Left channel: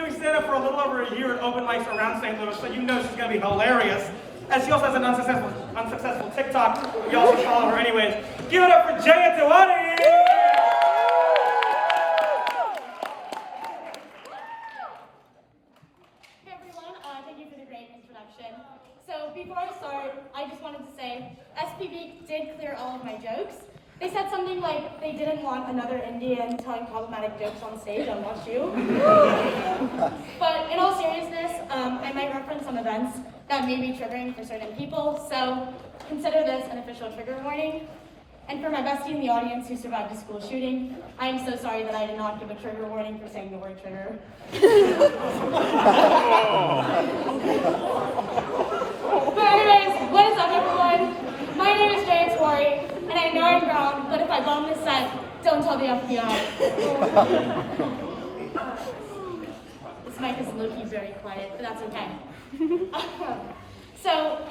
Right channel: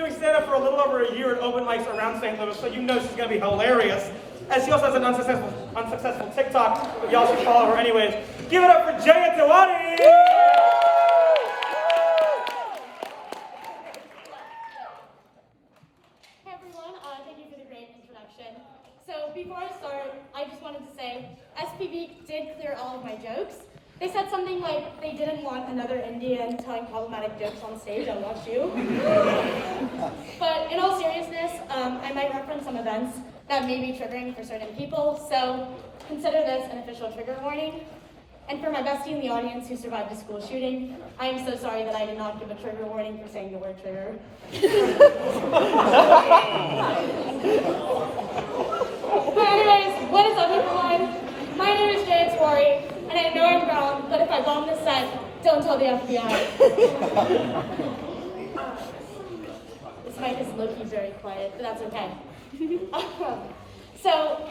doing stand-up for a little over a year at open mics around St. Louis, so you know she's going to be hilarious. And she also has an unsuccessful TikTok, but y'all should follow her anyways. Give it up for Jaya Tawani! Hey everyone, thank you for the great introduction. So before I start, I just wanted to say, SPV did clear all of my jokes. They said something like they didn't want another Indian telling problematic jokes on stage on WashU. But in all seriousness, I might reference some events that may be triggering for certain people, so consider this an official trigger warning. And for my bestie in the audience who survived a school shooting, I am so sorry that I did not give a trigger warning for saying the word trigger. But anyways, what is up everyone? My name is Jaya Tawani, and I know I'm grown, but if I bomb this set, don't tell the FBI. This mic is low-key very quiet, but that's okay. So,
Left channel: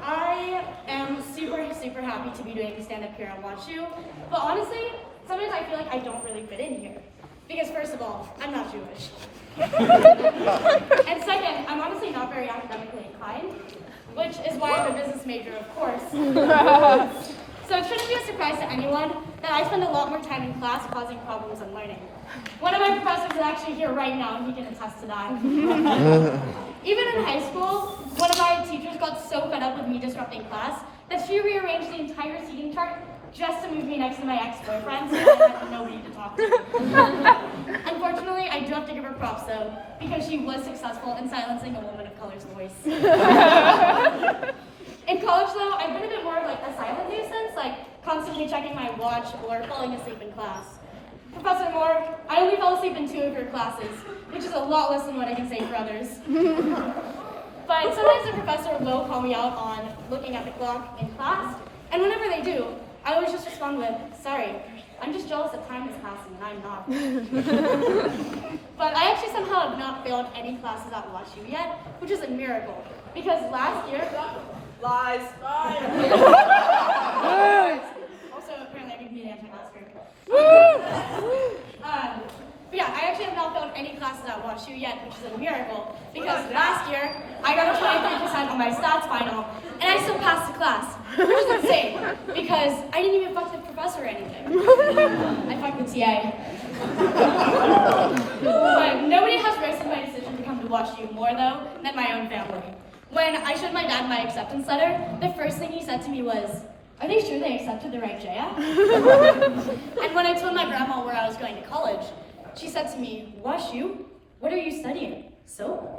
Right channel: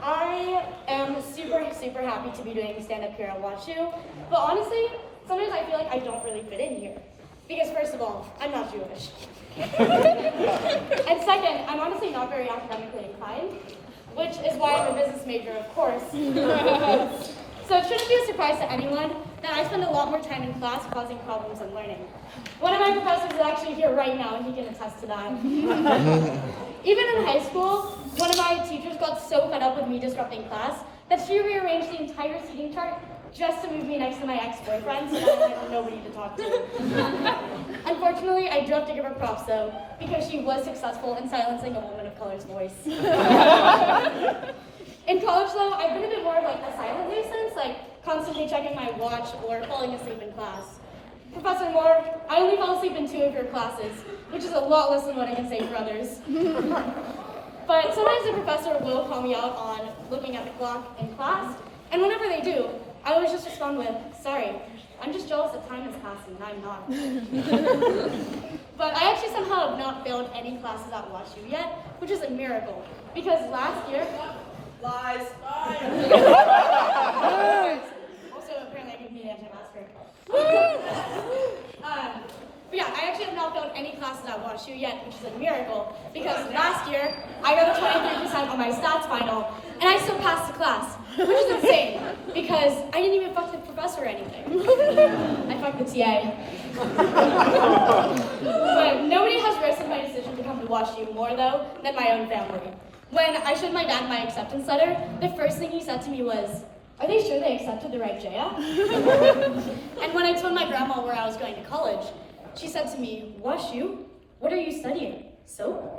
I am super happy to be doing stand-up here at WashU, but honestly, sometimes I feel like I don't really fit in here. Because first of all, I'm not Jewish. And second, I'm honestly not very academically inclined, which is why I'm a business major, of course. So it shouldn't be a surprise to anyone that I spend a lot more time in class causing problems than learning. One of my professors is actually here right now, and he can attest to that. Even in high school, one of my teachers got so fed up with me disrupting class that she rearranged the entire seating chart just to move me next to my ex-boyfriend so that I had nobody to talk to. Unfortunately, I do have to give her props though, because she was successful in silencing a woman of color's voice. In college though, I've been a bit more of like a silent nuisance, like constantly checking my watch or falling asleep in class. Professor Moore, I only fell asleep in 2 of your classes, which is a lot less than what I can say for others. But sometimes the professor will call me out on looking at the clock in class, and whenever they do, I always just respond with, sorry, I'm just jealous that time is passing and I'm not. But I actually somehow have not failed any classes at WashU yet, which is a miracle, because last year, lies. Also, apparently I need to be the anti-masker. But yeah, I actually have not failed any classes at WashU yet, which is a miracle, because last year I got a 23% on my stats final, and I still passed the class, which is insane, because I didn't even fuck the professor or anything. I fucked the TA. But nobody has roasted my decision to come to WashU more, though, than my own family. When I showed my dad my acceptance letter, the first thing he said to me was, "Are they sure they accepted the right Jaya?" And when I told my grandma where I was going to college, she said to me, "WashU? What are you studying? Soap?"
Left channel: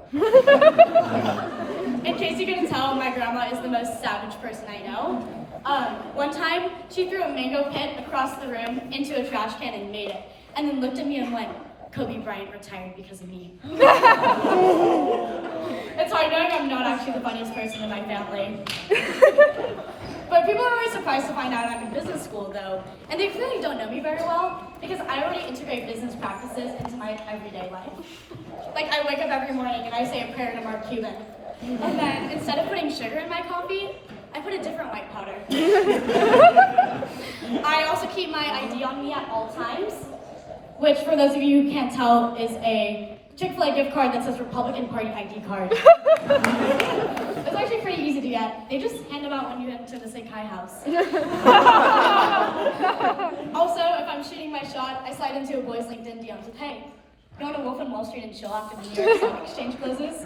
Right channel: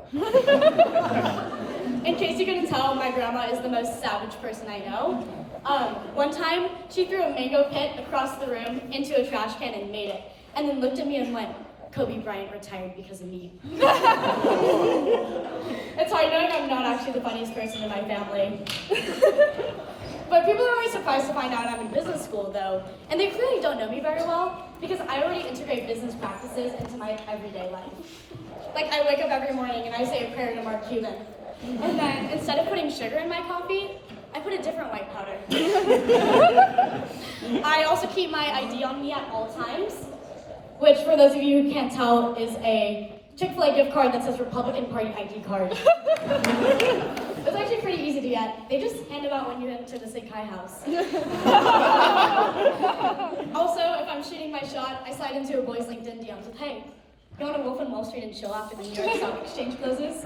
In case you couldn't tell, my grandma is the most savage person I know. One time, she threw a mango pit across the room into a trash can and made it, and then looked at me and went, "Kobe Bryant retired because of me." It's hard knowing I'm not actually the funniest person in my family. But people are always surprised to find out I'm in business school though, and they clearly don't know me very well because I already integrate business practices into my everyday life. Like I wake up every morning and I say a prayer to Mark Cuban. And then instead of putting sugar in my coffee, I put a different white powder. I also keep my ID on me at all times, which for those of you who can't tell is a Chick-fil-A gift card that says Republican Party ID card. It's actually pretty easy to get. They just hand them out when you enter the Sig High house. Also, if I'm shooting my shot, I slide into a boy's LinkedIn DMs with, "Hey, you want to Wolf on Wall Street and chill after the New York Stock Exchange closes?"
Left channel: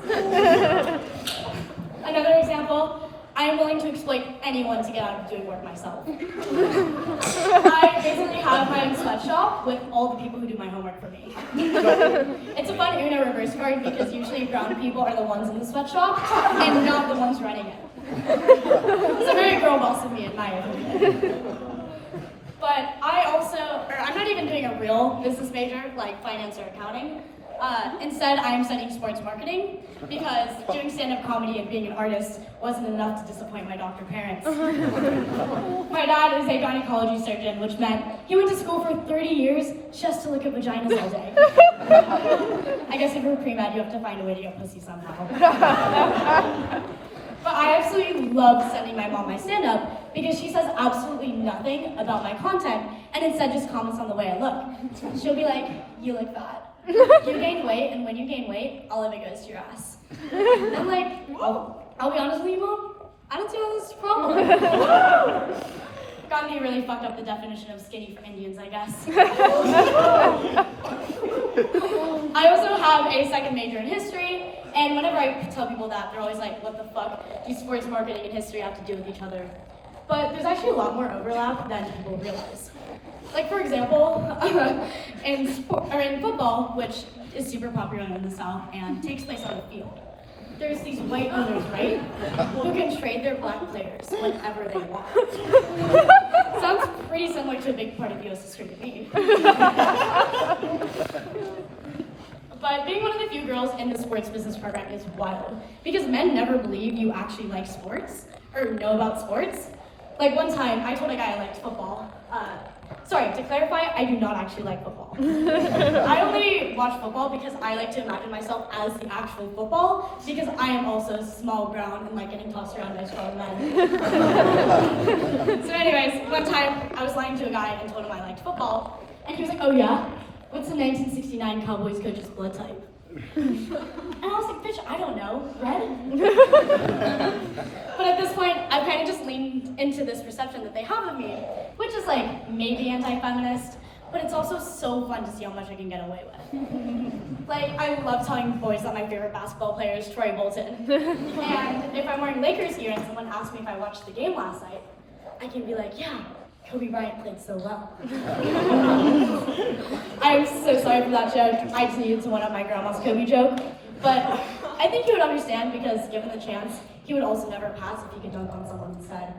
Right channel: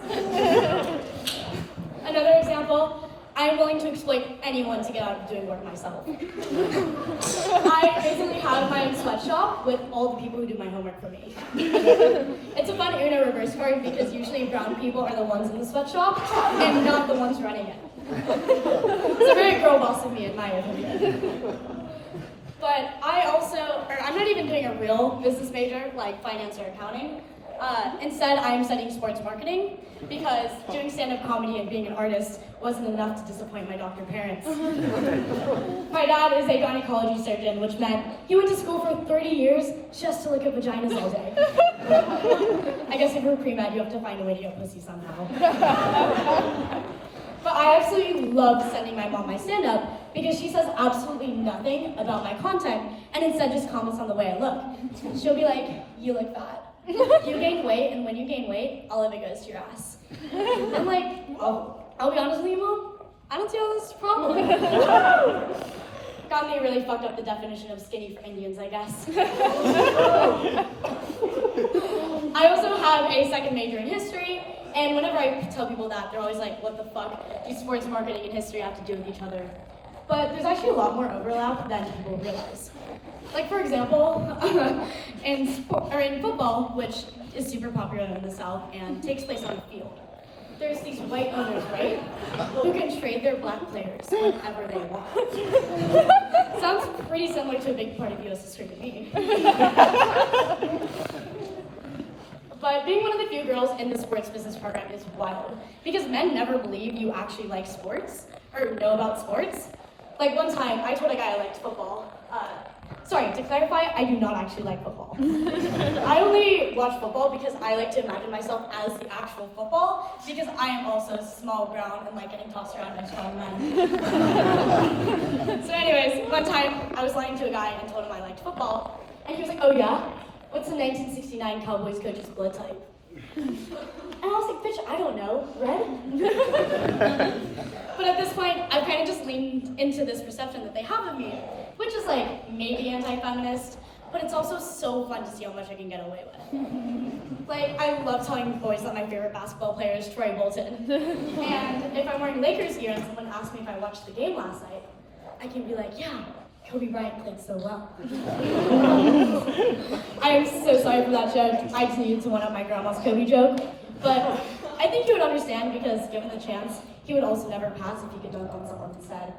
Another example, I am willing to exploit anyone to get out of doing work myself. I basically have my own sweatshop with all the people who do my homework for me. It's a fun Uno reverse card because usually brown people are the ones in the sweatshop and not the ones running it. It's a very girl boss of me in my opinion. But I'm not even doing a real business major like finance or accounting. Instead, I am studying sports marketing because doing stand-up comedy and being an artist wasn't enough to disappoint my doctor parents. My dad is a gynecology surgeon, which meant he went to school for 30 years just to look at vaginas all day. I guess if you're pre-med, you have to find a way to get pussy somehow. But I absolutely love sending my mom my stand-up because she says absolutely nothing about my content and instead just comments on the way I look. She'll be like, "You look fat." You gain weight, and when you gain weight, all of it goes to your ass. I'm like, I'll be honest with you, Mom, I don't see how this is a problem. Gandhi really fucked up the definition of skinny for Indians, I guess. I also have a second major in history, and whenever I tell people that, they're always like, what the fuck do sports marketing and history have to do with each other? But there's actually a lot more overlap than people realize. Like, for example, in football, which is super popular in the South and takes place on a field, there's these white owners, right, who can trade their black players whenever they want. Sounds pretty similar to a big part of U.S. history to me. But being one of the few girls in the sports business program is wild, because men never believe you actually like sports or know about sports. Like one time, I told a guy I liked football. Sorry, to clarify, I do not actually like football. I only watch football because I like to imagine myself as the actual football, because I am also small, brown, and like getting tossed around by strong men. So anyways, one time, I was lying to a guy and told him I liked football, and he was like, oh yeah? What's the 1969 Cowboys coach's blood type? And I was like, bitch, I don't know, red? But at this point, I've kind of just leaned into this perception that they have of me, which is like maybe anti-feminist, but it's also so fun to see how much I can get away with. Like, I love telling boys that my favorite basketball player is Troy Bolton. And if I'm wearing Lakers gear and someone asks me if I watched the game last night, I can be like, yeah, Kobe Bryant played so well. I'm so sorry for that joke. I just needed to one-up my grandma's Kobe joke. But I think he would understand, because given the chance, he would also never pass if he could dunk on someone instead.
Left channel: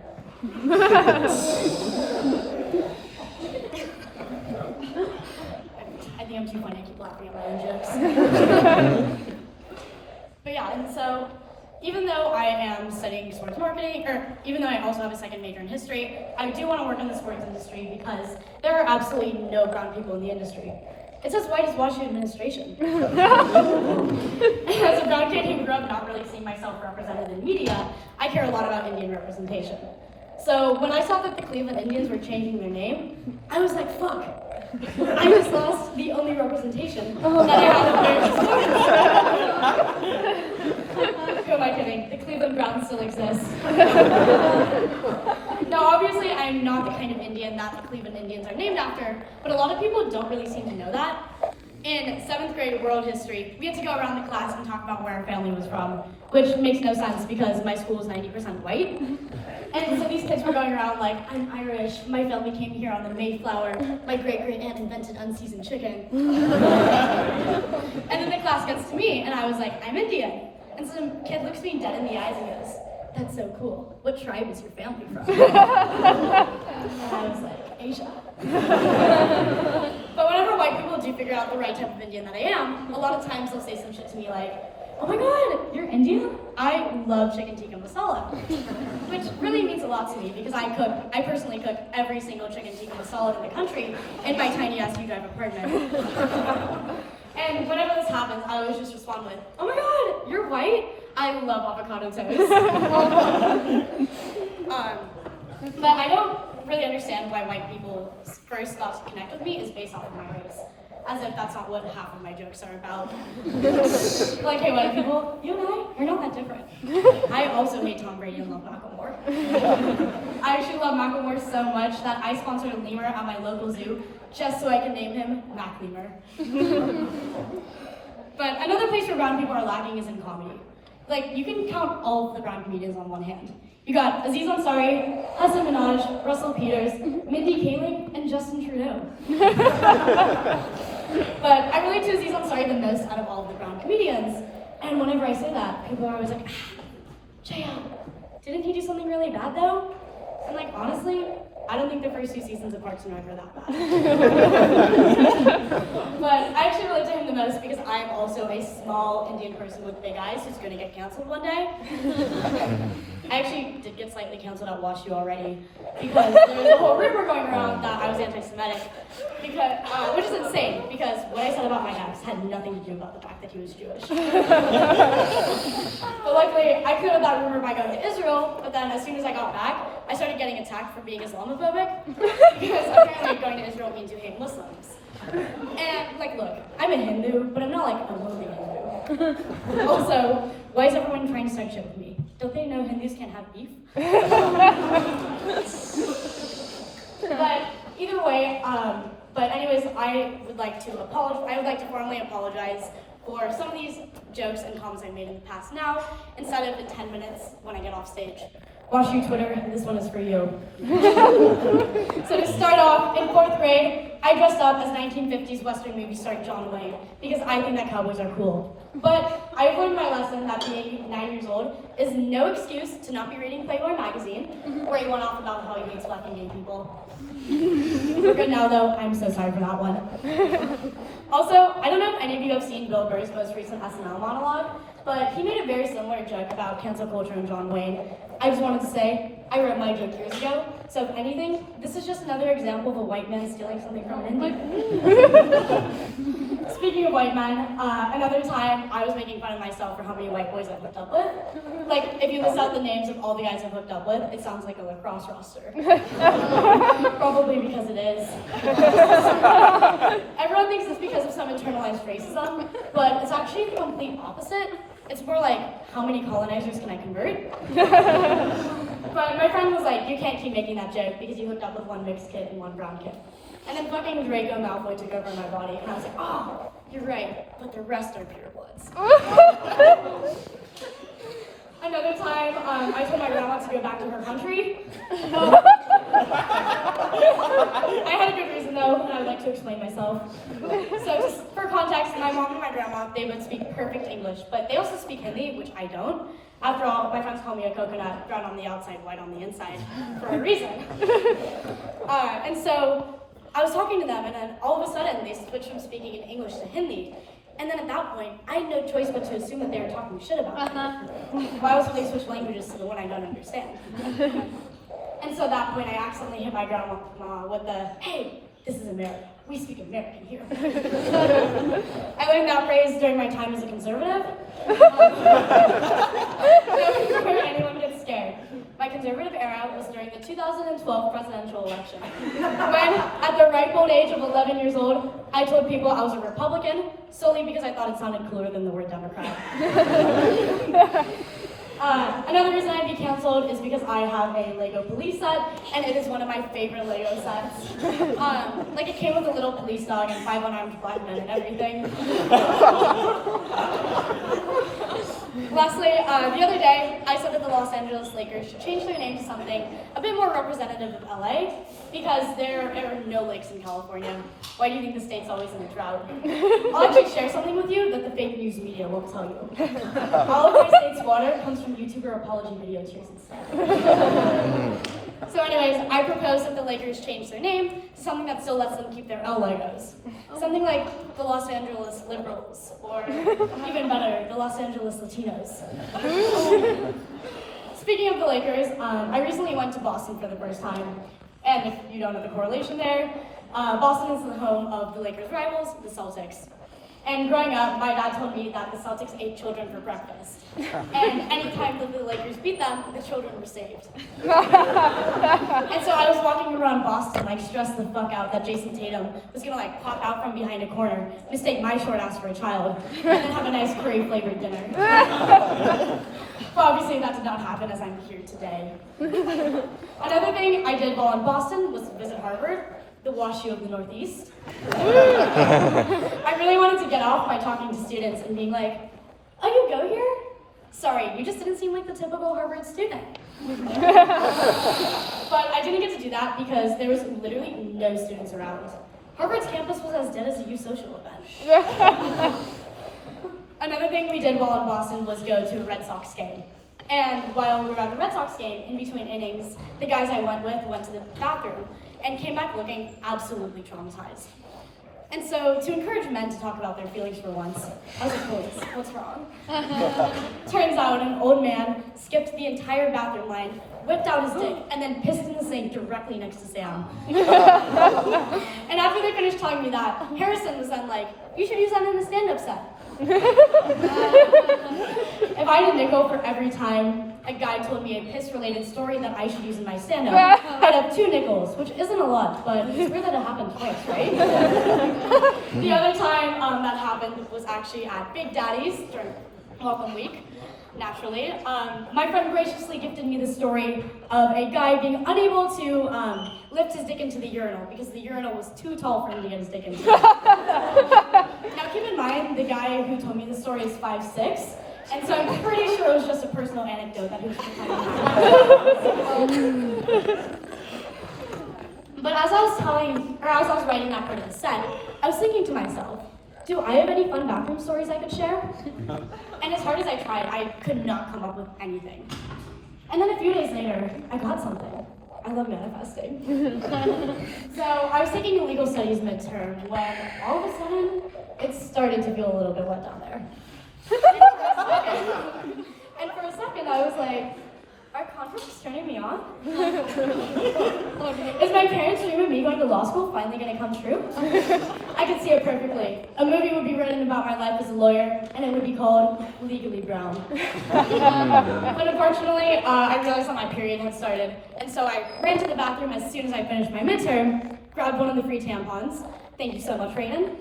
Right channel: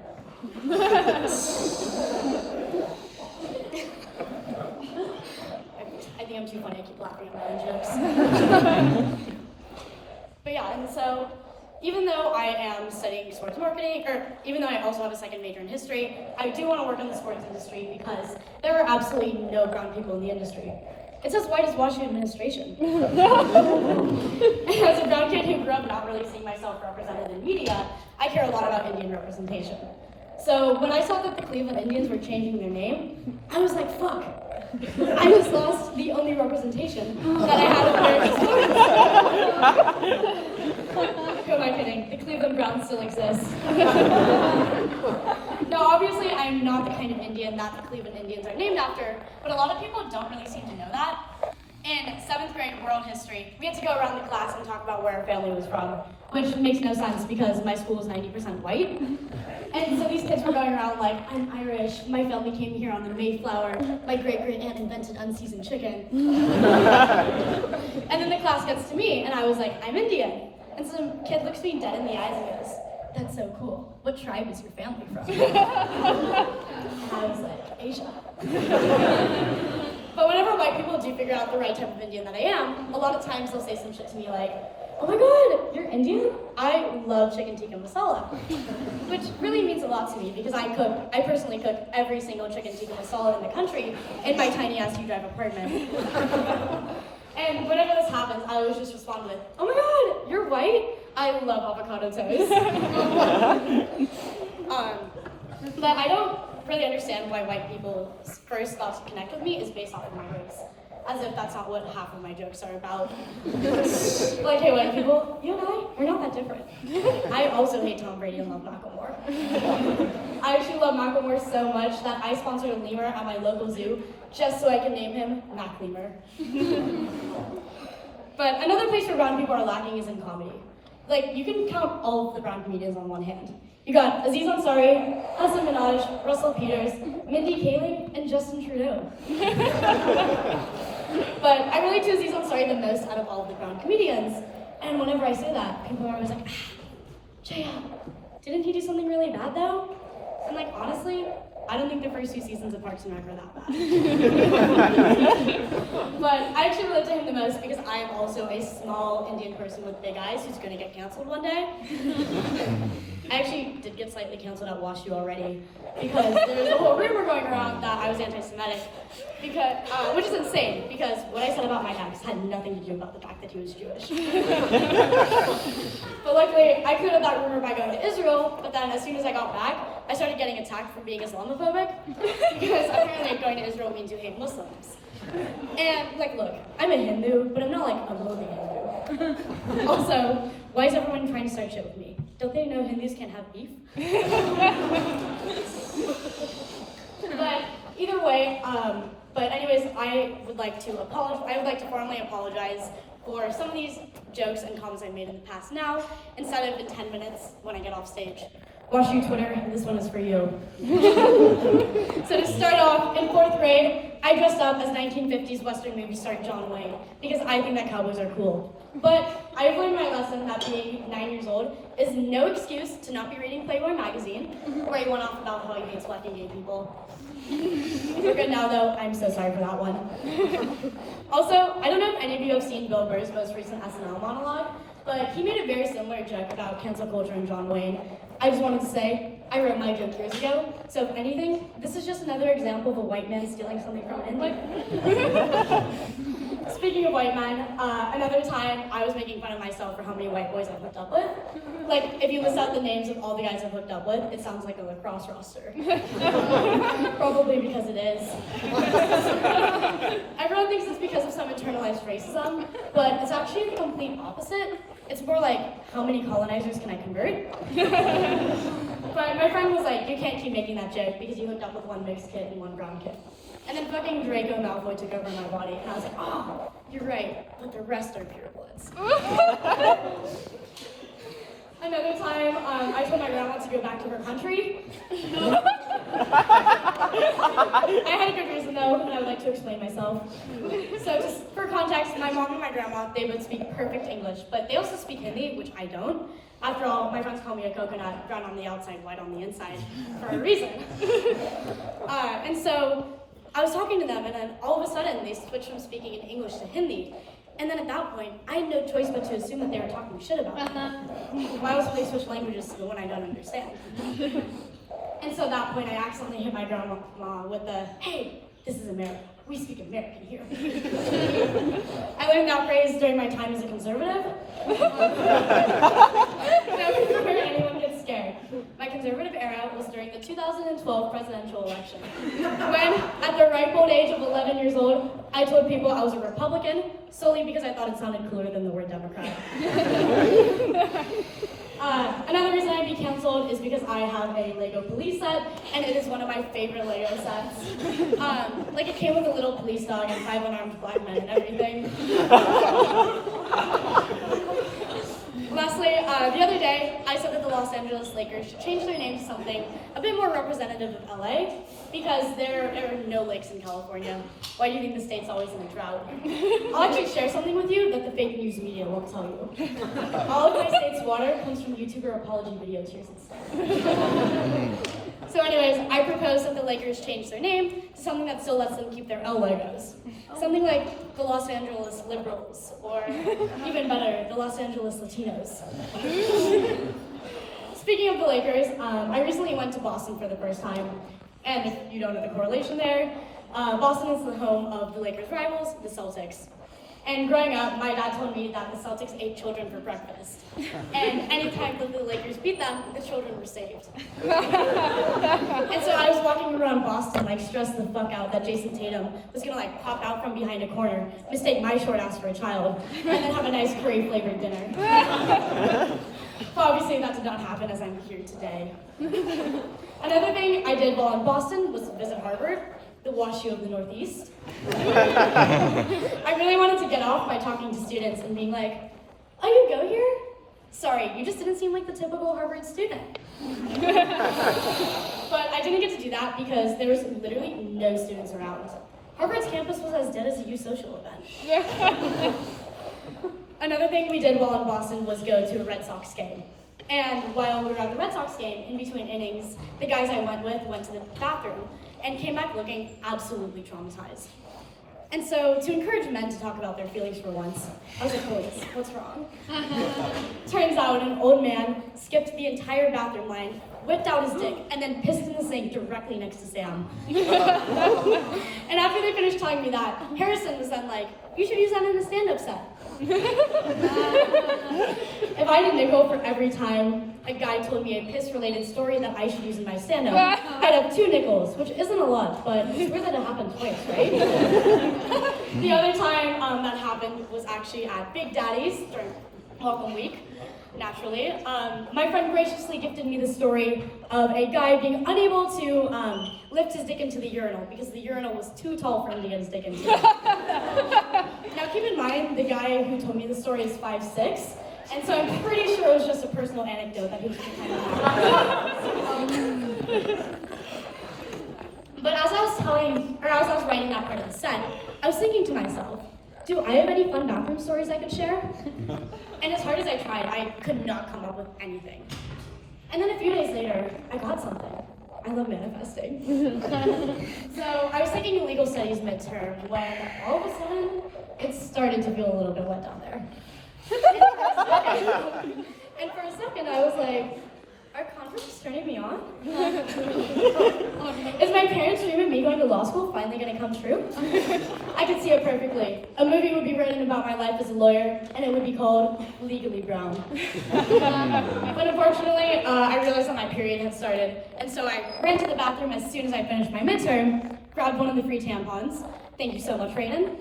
I think I'm too funny. I keep laughing at my own jokes. But yeah, and so even though I am studying sports marketing, or even though I also have a second major in history, I do want to work in the sports industry because there are absolutely no brown people in the industry. It's as white as WashU administration. As a brown kid who grew up not really seeing myself represented in media, I care a lot about Indian representation. So when I saw that the Cleveland Indians were changing their name, I was like, fuck. I just lost the only representation that I had in American sports. Who am I kidding? The Cleveland Browns still exist. Now, obviously, I am not the kind of Indian that the Cleveland Indians are named after, but a lot of people don't really seem to know that. In 7th grade world history, we had to go around the class and talk about where our family was from, which makes no sense because my school is 90% white. And so these kids were going around like, I'm Irish, my family came here on the Mayflower, my great-great-aunt invented unseasoned chicken. And then the class gets to me, and I was like, I'm Indian. And so the kid looks me dead in the eyes and goes, that's so cool. What tribe is your family from? And I was like, Asia. But whenever white people do figure out the right type of Indian that I am, a lot of times they'll say some shit to me like, oh my god, you're Indian? I love chicken tikka masala. Which really means a lot to me because I personally cook every single chicken tikka masala in the country in my tiny ass U-Drive apartment. And whenever this happens, I always just respond with, oh my god, you're white? I love avocado toast. But I don't really understand why white people's first thoughts to connect with me is based off of my race. As if that's not what half of my jokes are about. Like, hey, white people, you and I are not that different. I also hate Tom Brady and love Macklemore. I actually love Macklemore so much that I sponsored a lemur at my local zoo just so I can name him Mac Lemur. But another place where brown people are lacking is in comedy. Like, you can count all of the brown comedians on one hand. You got Aziz Ansari, Hassan Minaj, Russell Peters, Mindy Kaling, and Justin Trudeau. But I relate to Aziz Ansari the most out of all of the brown comedians. And whenever I say that, people are always like, Jaya, didn't he do something really bad though? And like, honestly, I don't think the first 2 seasons of Parks and Rec are that bad. But I actually relate to him the most because I am also a small Indian person with big eyes who's gonna get canceled one day. I actually did get slightly canceled at WashU already because there's a whole rumor going around that I was anti-Semitic. Because, which is insane, because what I said about my ex had nothing to do about the fact that he was Jewish. But luckily, I cleared that rumor by going to Israel, but then as soon as I got back, I started getting attacked for being Islamophobic, because apparently going to Israel means you hate Muslims. And like, look, I'm a Hindu, but I'm not like a movie Hindu. Also, why is everyone trying to start shit with me? Don't they know Hindus can't have beef? But either way, but anyways, I would like to formally apologize for some of these jokes and comments I made in the past now, instead of in 10 minutes when I get off stage. WashU Twitter, this one is for you. So to start off, in 4th grade, I dressed up as 1950s Western movie star John Wayne because I think that cowboys are cool. But I've learned my lesson that being 9 years old is no excuse to not be reading Playboy magazine, where he went off about how he hates black and gay people. We're good now though, I'm so sorry for that one. Also, I don't know if any of you have seen Bill Burr's most recent SNL monologue, but he made a very similar joke about cancel culture and John Wayne. I just wanted to say, I wrote my joke years ago, so if anything, this is just another example of a white man stealing something from an Indian. Speaking of white men, another time I was making fun of myself for how many white boys I hooked up with. Like, if you list out the names of all the guys I've hooked up with, it sounds like a lacrosse roster. Probably because it is. Everyone thinks it's because of some internalized racism, but it's actually the complete opposite. It's more like, how many colonizers can I convert? But my friend was like, you can't keep making that joke because you hooked up with one mixed kid and one brown kid. And then fucking Draco Malfoy took over my body, and I was like, oh, you're right, but the rest are purebloods. Another time, I told my grandma to go back to her country. I had a good reason though, and I would like to explain myself. So just for context, my mom and my grandma, they would speak perfect English, but they also speak Hindi, which I don't. After all, my friends call me a coconut, brown on the outside, white on the inside, for a reason. And so I was talking to them, and then all of a sudden, they switched from speaking in English to Hindi. And then at that point, I had no choice but to assume that they were talking shit about me. Why else would they switch languages to the one I don't understand? And so at that point, I accidentally hit my grandma with the, hey, this is America. We speak American here. I learned that phrase during my time as a conservative. So before anyone gets scared, my conservative era was during the 2012 presidential election, when, at the ripe old age of 11 years old, I told people I was a Republican, solely because I thought it sounded cooler than the word Democrat. Another reason I'd be canceled is because I have a Lego police set, and it is one of my favorite Lego sets. Like, it came with a little police dog and 5 unarmed black men and everything. Lastly, the other day, I said that the Los Angeles Lakers should change their name to something a bit more representative of LA, because there are no lakes in California. Why do you think the state's always in a drought? I'll actually share something with you that the fake news media won't tell you. All of my state's water comes from YouTuber apology video tears instead. So anyways, I propose that the Lakers change their name to something that still lets them keep their L logos. Something like the Los Angeles Liberals, or even better, the Los Angeles Latinos. Speaking of the Lakers, I recently went to Boston for the first time, and if you don't know the correlation there, Boston is the home of the Lakers' rivals, the Celtics. And growing up, my dad told me that the Celtics ate children for breakfast. And anytime that the Lakers beat them, the children were saved. And so I was walking around Boston, like, stressed the fuck out that Jason Tatum was gonna, like, pop out from behind a corner, mistake my short ass for a child, and then have a nice curry-flavored dinner. Well, obviously that did not happen, as I'm here today. Another thing I did while in Boston was visit Harvard, the WashU of the Northeast. I really wanted to get off by talking to students and being like, oh, you go here? Sorry, you just didn't seem like the typical Harvard student. But I didn't get to do that because there was literally no students around. Harvard's campus was as dead as a youth social event. Another thing we did while in Boston was go to a Red Sox game. And while we were at the Red Sox game, in between innings, the guys I went with went to the bathroom and came back looking absolutely traumatized. And so, to encourage men to talk about their feelings for once, I was like, boys, what's wrong? Turns out an old man skipped the entire bathroom line, whipped out his dick, and then pissed in the sink directly next to Sam. And after they finished telling me that, Harrison was then like, you should use that in a stand-up set. If find a nickel for every time a guy told me a piss-related story that I should use in my stand-up. I'd have 2 nickels, which isn't a lot, but it's weird that it happened twice, right? The other time that happened was actually at Big Daddy's during Welcome Week, naturally. My friend graciously gifted me the story of a guy being unable to lift his dick into the urinal because the urinal was too tall for him to get his dick into. Now keep in mind, the guy who told me the story is 5'6", and so I'm pretty sure it was just a personal anecdote that he was just kind of But as I was writing that part of the set, I was thinking to myself, do I have any fun bathroom stories I could share? And as hard as I tried, I could not come up with anything. And then a few days later, I got something. I love manifesting. So I was taking a legal studies midterm when all of a sudden, it started to feel a little bit wet down there. And for a second, I was like, are contracts turning me on? Is my parents' dream of me going to law school finally going to come true? I could see it perfectly. A movie would be written about my life as a lawyer, and it would be called Legally Brown. But unfortunately, I realized that my period had started, and so I ran to the bathroom as soon as I finished my midterm, grabbed one of the free tampons. Thank you so much, Raiden.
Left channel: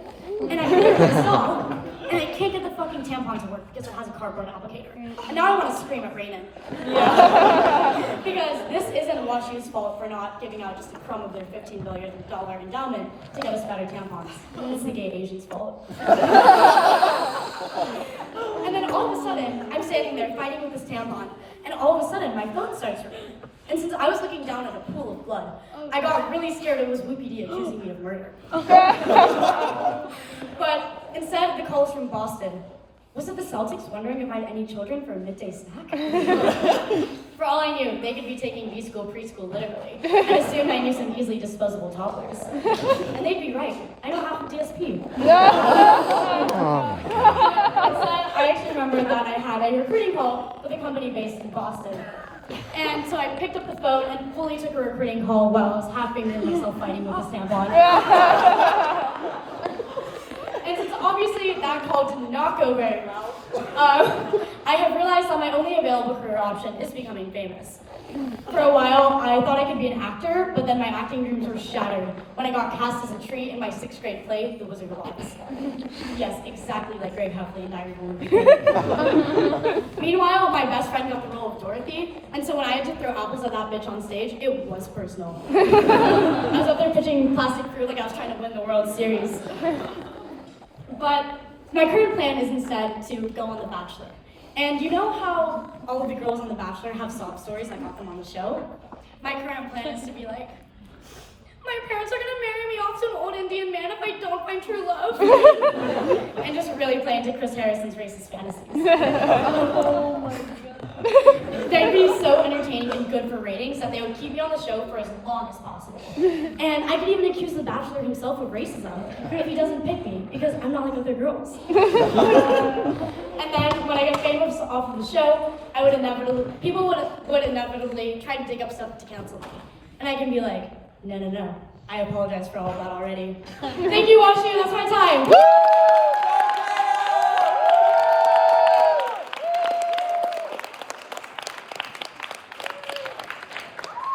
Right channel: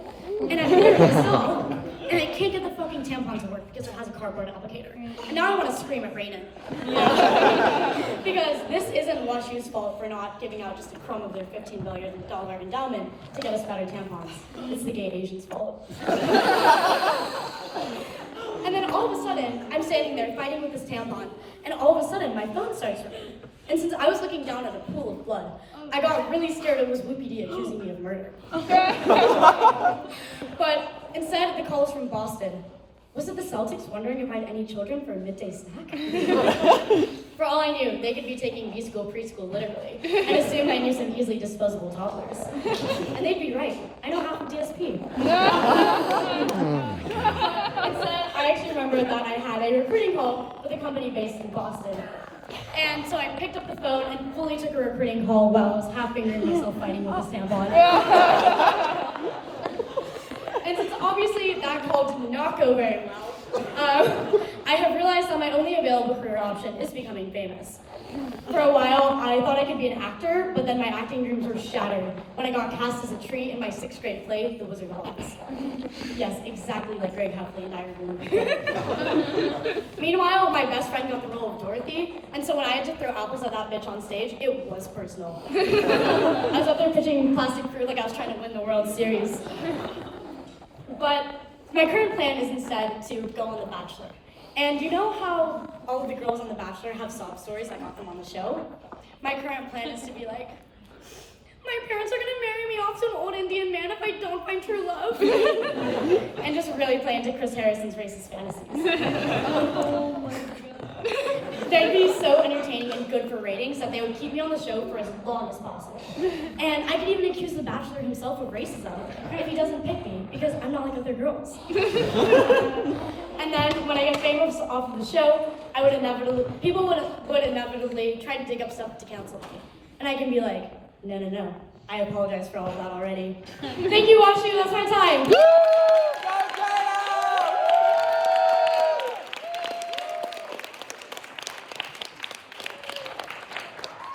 And I put it in the stall, and I can't get the fucking tampon to work because it has a cardboard applicator. And now I want to scream at Rainen. Because this isn't WashU's fault for not giving out just a crumb of their $15 billion endowment to get us better tampons. It's the gay Asians' fault. And then all of a sudden, I'm standing there fighting with this tampon, and all of a sudden, my phone starts ringing. And since I was looking down at a pool of blood, I got really scared it was Whoopi D accusing me of murder. But instead, the call was from Boston. Was it the Celtics wondering if I had any children for a midday snack? For all I knew, they could be taking B-school preschool literally, and assumed I knew some easily disposable toddlers. And they'd be right. I know half of DSP. Instead, I actually remembered that I had a recruiting call with a company based in Boston. And so I picked up the phone and fully took a recruiting call while I was half fingering myself fighting with this tampon. And since obviously that call did not go very well, I have realized that my only available career option is becoming famous. For a while, I thought I could be an actor, but then my acting dreams were shattered when I got cast as a tree in my 6th grade play, The Wizard of Oz. Yes, exactly like Greg Heffley in Diary of a Wimpy. Meanwhile, my best friend got the role of Dorothy, and so when I had to throw apples at that bitch on stage, it was personal. I was up there pitching plastic fruit like I was trying to win the World Series. But my current plan is instead to go on The Bachelor. And you know how all of the girls on The Bachelor have sob stories like got them on the show? My current plan is to be like, my parents are gonna marry me off to an old Indian man if I don't find true love. And just really play into Chris Harrison's racist fantasies. Oh my God. They'd be so entertaining and good for ratings that they would keep me on the show for as long as possible. And I could even accuse The Bachelor himself of racism if he doesn't pick me, because I'm not like other girls. And then when I get famous off of the show, people would inevitably try to dig up stuff to cancel me. And I can be like, no, I apologize for all of that already. Thank you, WashU, that's my time.